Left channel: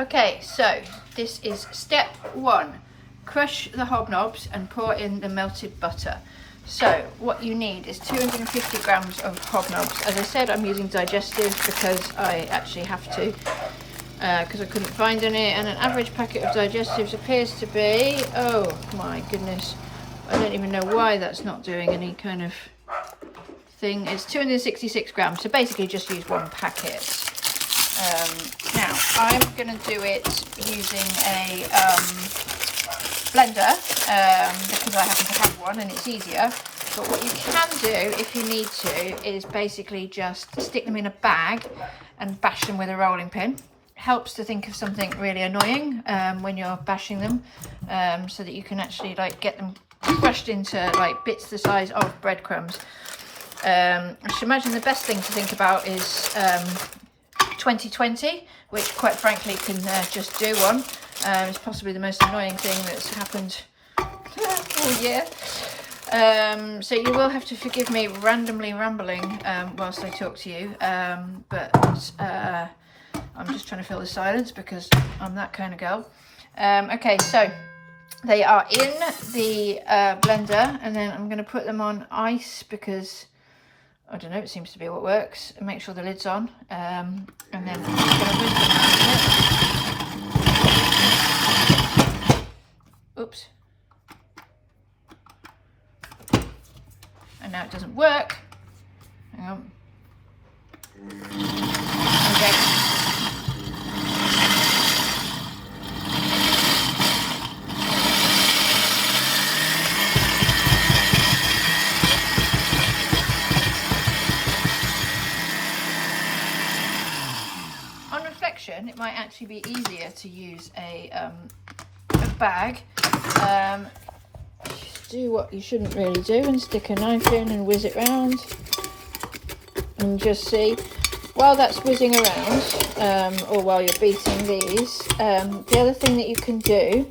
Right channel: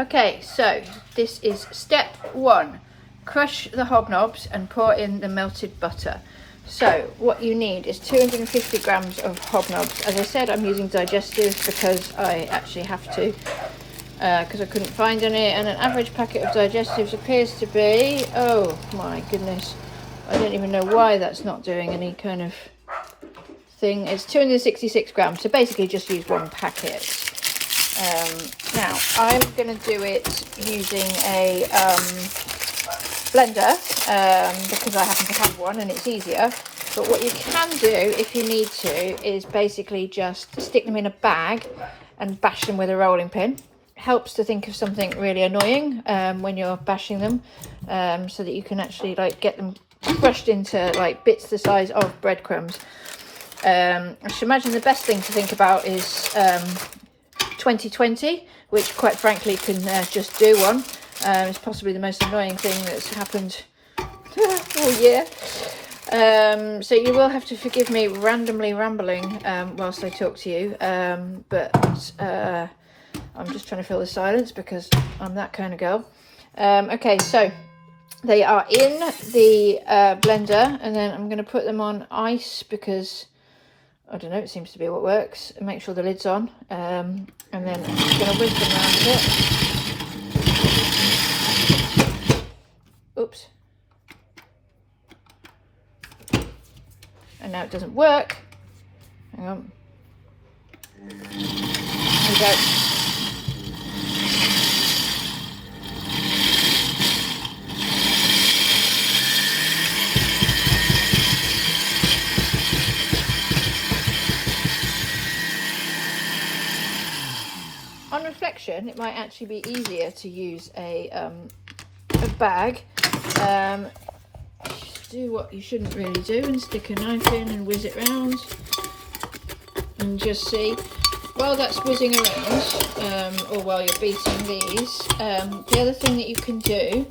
Okay, so this is step 1. Crush the hobnobs and pour in the melted butter. So what you need is 250 grams of hobnobs. As I said, I'm using digestives because I actually have to, because I couldn't find any, and an average packet of digestives appears to be, oh my goodness, I don't even know why that's not doing any kind of thing. It's 266 grams, so basically just use 1 packet. Now I'm going to do it using a blender because I happen to have one and it's easier. But what you can do if you need to is basically just stick them in a bag and bash them with a rolling pin. Helps to think of something really annoying when you're bashing them, so that you can actually like get them crushed into like bits the size of breadcrumbs. I should imagine the best thing to think about is 2020, which quite frankly can just do one. It's possibly the most annoying thing that's happened all year. So you will have to forgive me randomly rambling whilst I talk to you, but I'm just trying to fill the silence because I'm that kind of girl. Okay, so they are in the blender, and then I'm going to put them on ice because I don't know, it seems to be what works. And make sure the lid's on, and then I'm just going to whisk them out. Oops. And now it doesn't work. Hang on. There we go. On reflection, it might actually be easier to use a bag. Do what you shouldn't really do and stick a knife in and whiz it round and just see. While that's whizzing around, or while you're beating these, the other thing that you can do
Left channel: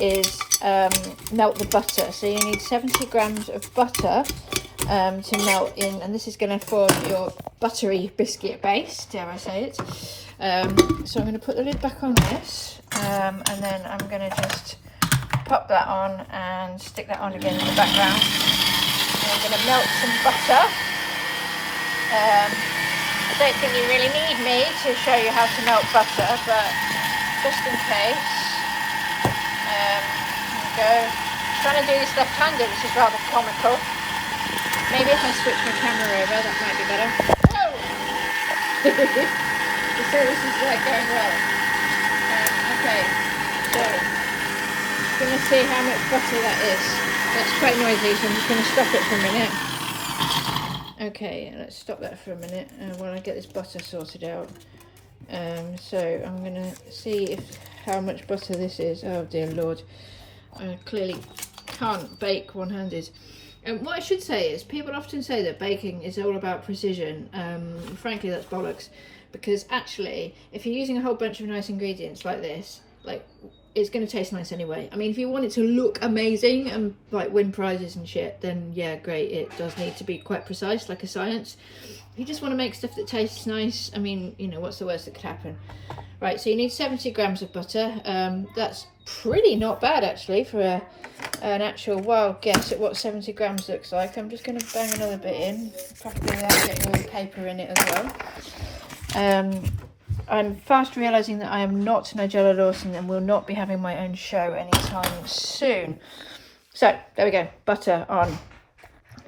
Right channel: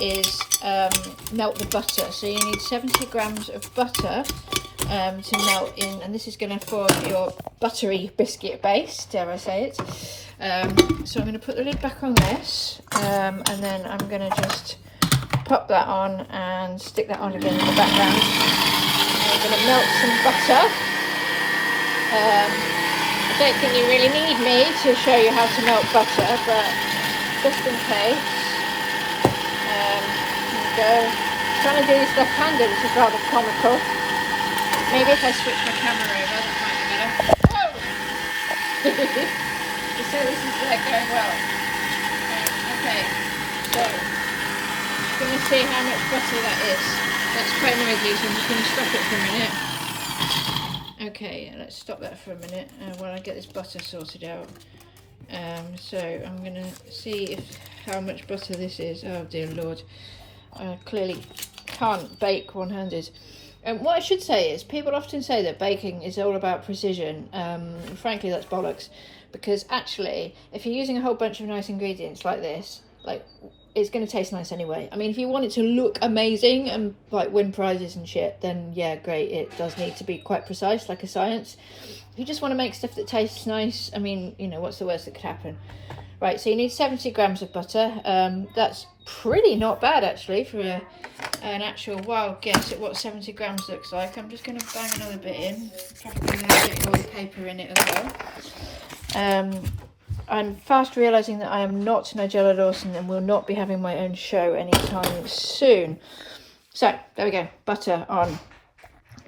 is melt the butter. So you need 70 grams of butter to melt in, and this is going to form your buttery biscuit base, dare I say it. So I'm going to put the lid back on this, and then I'm going to just pop that on and stick that on again in the background. I'm going to melt some butter. I don't think you really need me to show you how to melt butter, but just in case. There we go. Trying to do this left-handed, which is rather comical. Maybe if I switch my camera over, that might be better. Oh! So this is going well. Okay, so I'm going to see how much butter that is. That's quite noisy, so I'm just going to stop it for a minute. Okay, let's stop that for a minute while I get this butter sorted out. So I'm going to see how much butter this is. Oh dear Lord, I clearly can't bake one-handed. What I should say is, people often say that baking is all about precision. Frankly, that's bollocks, because actually, if you're using a whole bunch of nice ingredients like this, like, it's going to taste nice anyway. I mean, if you want it to look amazing and like win prizes and shit, then yeah, great. It does need to be quite precise, like a science. If you just want to make stuff that tastes nice, I mean, you know, what's the worst that could happen? Right, so you need 70 grams of butter. That's pretty not bad actually for an actual wild guess at what 70 grams looks like. I'm just going to bang another bit in, preferably without getting all the paper in it as well. I'm fast realising that I am not Nigella Lawson and will not be having my own show anytime soon. So, there we go. Butter on.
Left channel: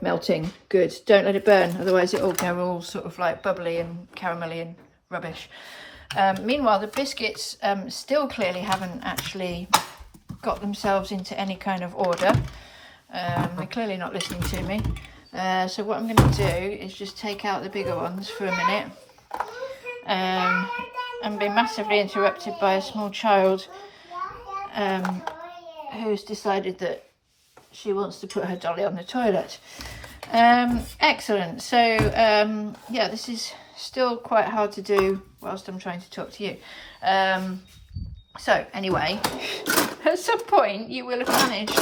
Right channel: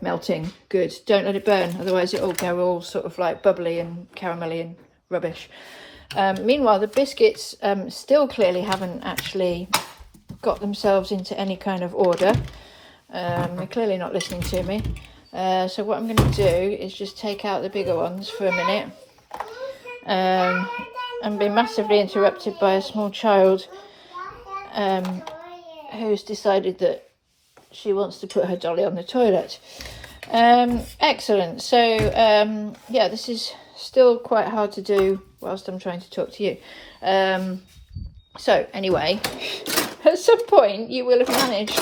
Melting. Good. Don't let it burn, otherwise it'll go all sort of like bubbly and caramelly and rubbish. Meanwhile, the biscuits still clearly haven't actually got themselves into any kind of order. They're clearly not listening to me. So what I'm going to do is just take out the bigger ones for a minute. And be massively interrupted by a small child who's decided that she wants to put her dolly on the toilet. Excellent. So yeah, this is still quite hard to do whilst I'm trying to talk to you. So anyway, at some point you will have managed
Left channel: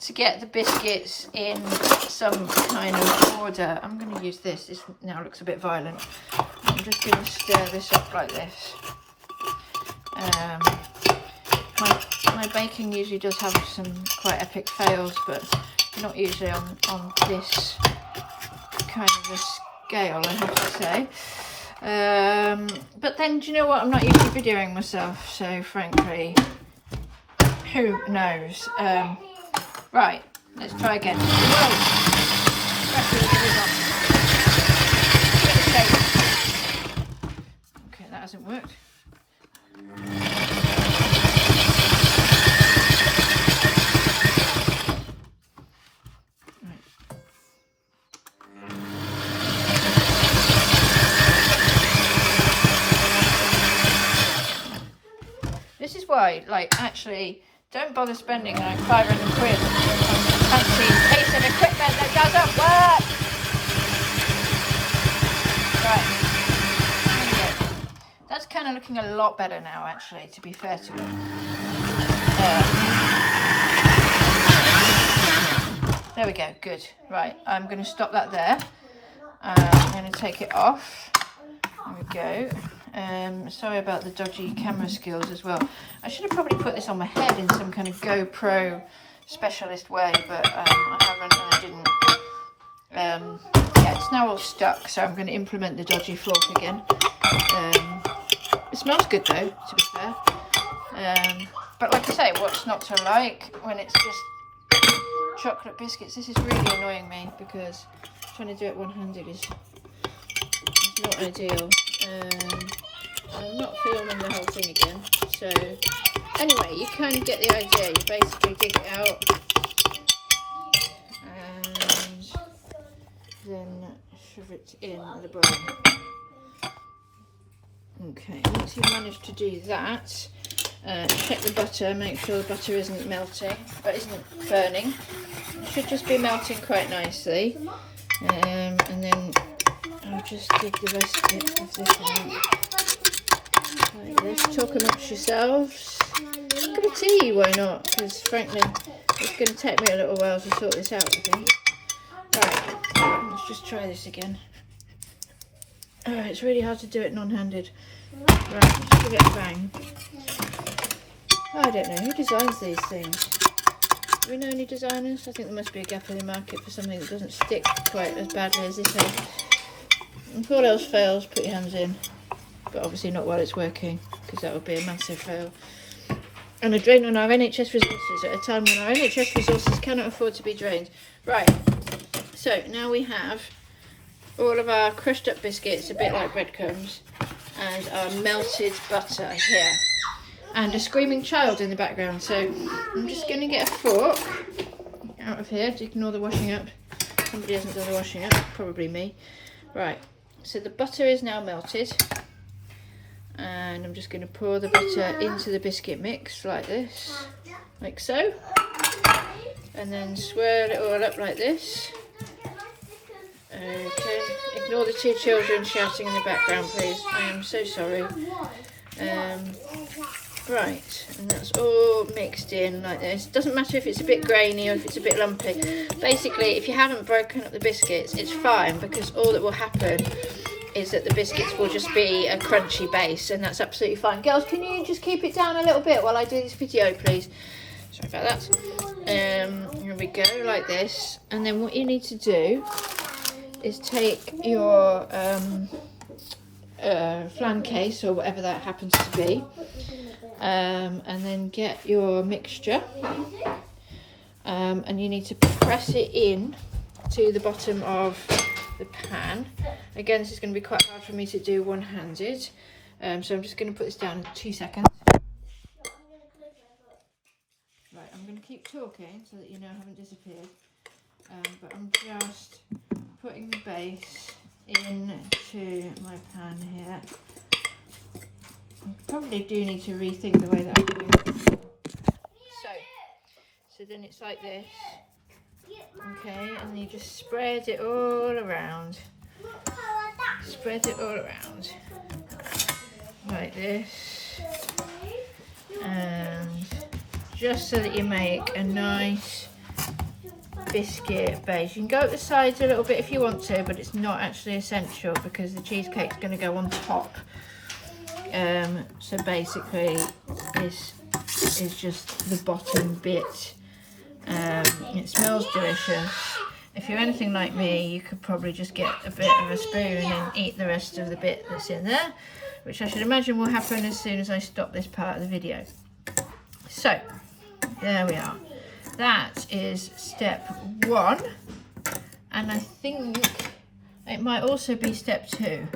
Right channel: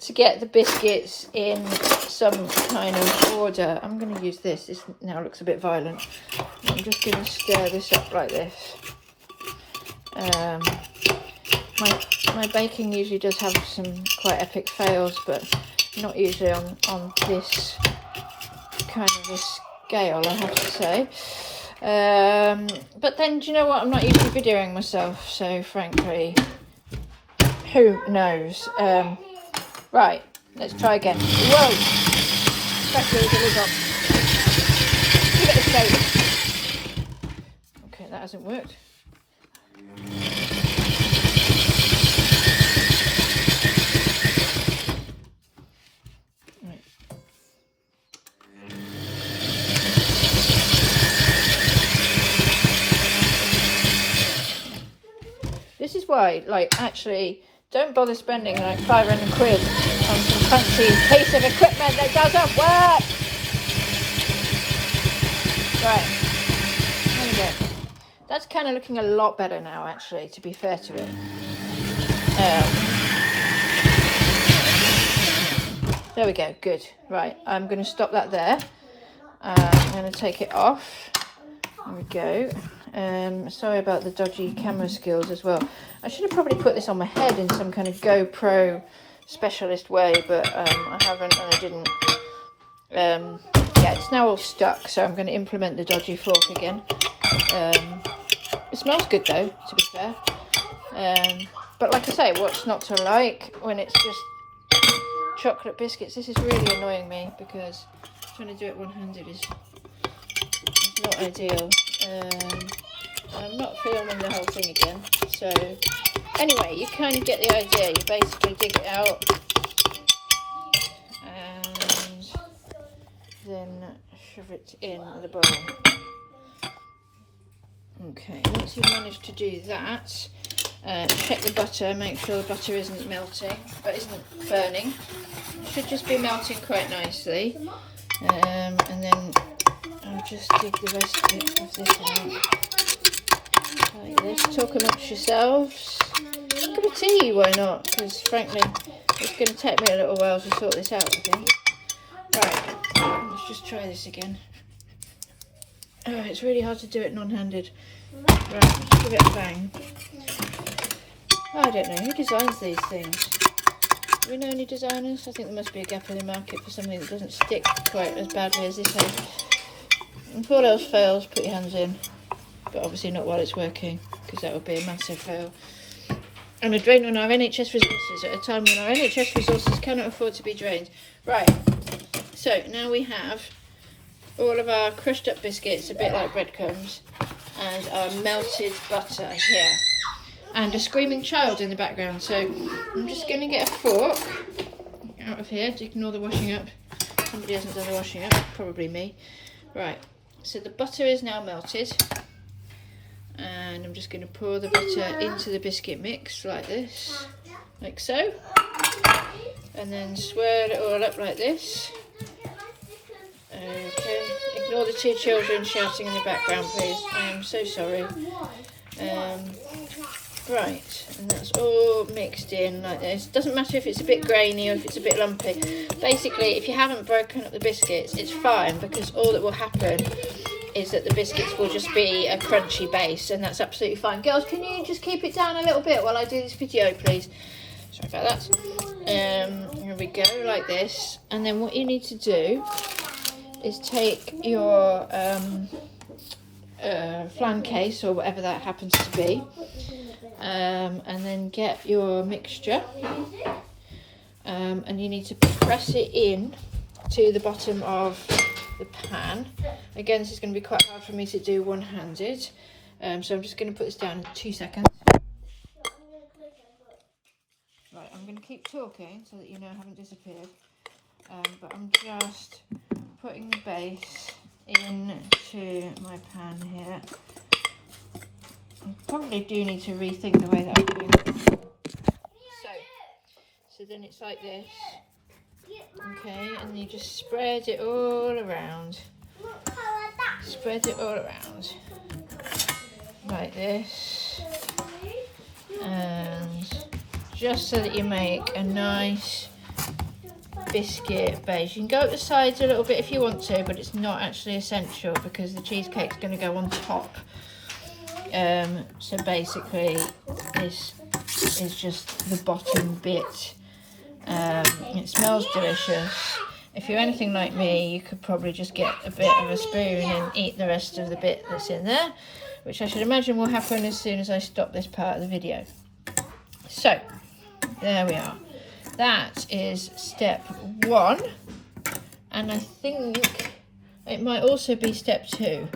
to get the biscuits in some kind of order. I'm going to use this. This now looks a bit violent. I'm just going to stir this up like this. My baking usually does have some quite epic fails, but not usually on this kind of a scale, I have to say. But then, do you know what? I'm not usually videoing myself, so frankly, who knows? Right, let's try again. Whoa! Okay, that hasn't worked. This is why, like, actually, don't bother spending like £500 on some fancy piece of equipment that doesn't work. But, anyway, that's kind of looking a lot better now, actually, to be fair to it. There we go, good. Right, I'm going to stop that there. I'm going to take it off. There we go. Sorry about the dodgy camera skills as well. I should have probably put this on my head in some kind of GoPro specialist way, but I haven't, and I didn't. Yeah, it's now all stuck, so I'm going to implement the dodgy fork again. It smells good though, to be fair. But like I say, what's not to like when it's just chocolate biscuits? This is really annoying me because trying to do it one-handed is not ideal. I'm not filming the whole thing again, so anyway, you kind of get the idea. You basically dig it out and then shove it in the bowl. Okay, once you've managed to do that, check the butter, make sure the butter isn't melting, but isn't burning. It should just be melting quite nicely. And then I'll just dig the rest of this out. Like this. Talk amongst yourselves. A cup of tea, why not? Because frankly, it's going to take me a little while to sort this out, I think. Right, let's just try this again. Oh, it's really hard to do it non-handed. Right, let's give it a bang. I don't know, who designs these things? Do we know any designers? I think there must be a gap in the market for something that doesn't stick quite as badly as this has. If all else fails, put your hands in. But obviously not while it's working, because that would be a massive fail. And a drain on our NHS resources at a time when our NHS resources cannot afford to be drained. Right, so now we have all of our crushed up biscuits, a bit like breadcrumbs, and our melted butter here. And a screaming child in the background, so I'm just going to get a fork out of here to ignore the washing up. Somebody hasn't done the washing up, probably me. Right, so the butter is now melted, and I'm just going to pour the butter into the biscuit mix like this, like so, and then swirl it all up like this. Okay, ignore the two children shouting in the background, please. I am so sorry. Right, and that's all mixed in like this. Doesn't matter if it's a bit grainy or if it's a bit lumpy. Basically, if you haven't broken up the biscuits, it's fine, because all that will happen is that the biscuits will just be a crunchy base, and that's absolutely fine. Girls, can you just keep it down a little bit while I do this video, please? Sorry about that. Here we go, like this. And then what you need to do is take your flan case, or whatever that happens to be, and then get your mixture, and you need to press it in to the bottom of the pan. Again, this is going to be quite hard for me to do one-handed, so I'm just going to put this down in 2 seconds. Right, I'm going to keep talking so that you know I haven't disappeared, but I'm just putting the base into my pan here. I probably do need to rethink the way that I'm doing it. So then it's like this, okay, and you just spread it all around. Spread it all around like this, and just so that you make a nice biscuit base. You can go up the sides a little bit if you want to, but it's not actually essential because the cheesecake's going to go on top. So basically this is just the bottom bit. It smells delicious. If you're anything like me, you could probably just get a bit of a spoon and eat the rest of the bit that's in there, which I should imagine will happen as soon as I stop this part of the video. So there we are. That is step 1, and I think it might also be step 2.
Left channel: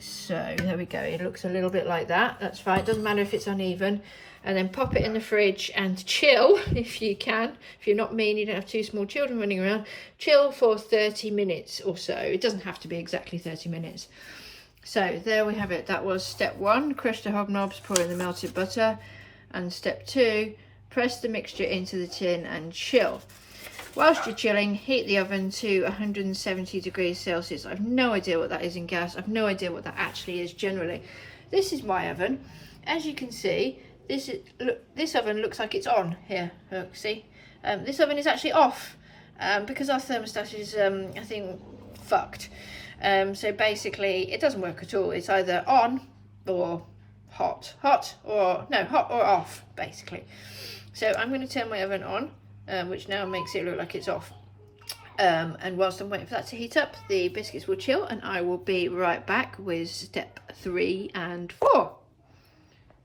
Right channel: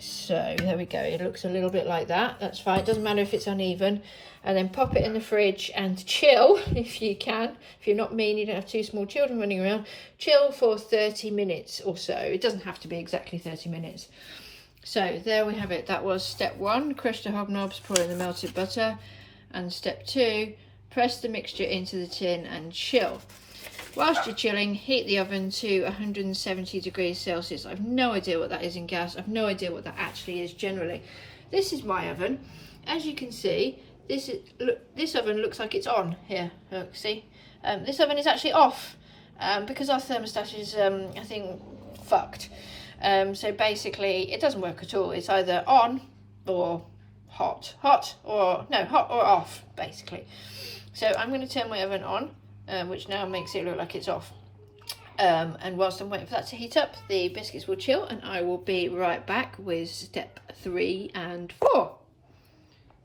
So there we go. It looks a little bit like that. That's fine. It doesn't matter if it's uneven. And then pop it in the fridge and chill if you can. If you're not me and you don't have 2 small children running around, chill for 30 minutes or so. It doesn't have to be exactly 30 minutes. So there we have it. That was step 1, crush the hobnobs, pour in the melted butter. And step 2, press the mixture into the tin and chill. Whilst you're chilling, heat the oven to 170 degrees Celsius. I've no idea what that is in gas. I've no idea what that actually is generally. This is my oven. As you can see, this oven looks like it's on here. Look, see? This oven is actually off because our thermostat is, I think, fucked. So basically, it doesn't work at all. It's either on or hot or off, basically. So I'm going to turn my oven on, which now makes it look like it's off. And whilst I'm waiting for that to heat up, the biscuits will chill, and I will be right back with step 3 and 4.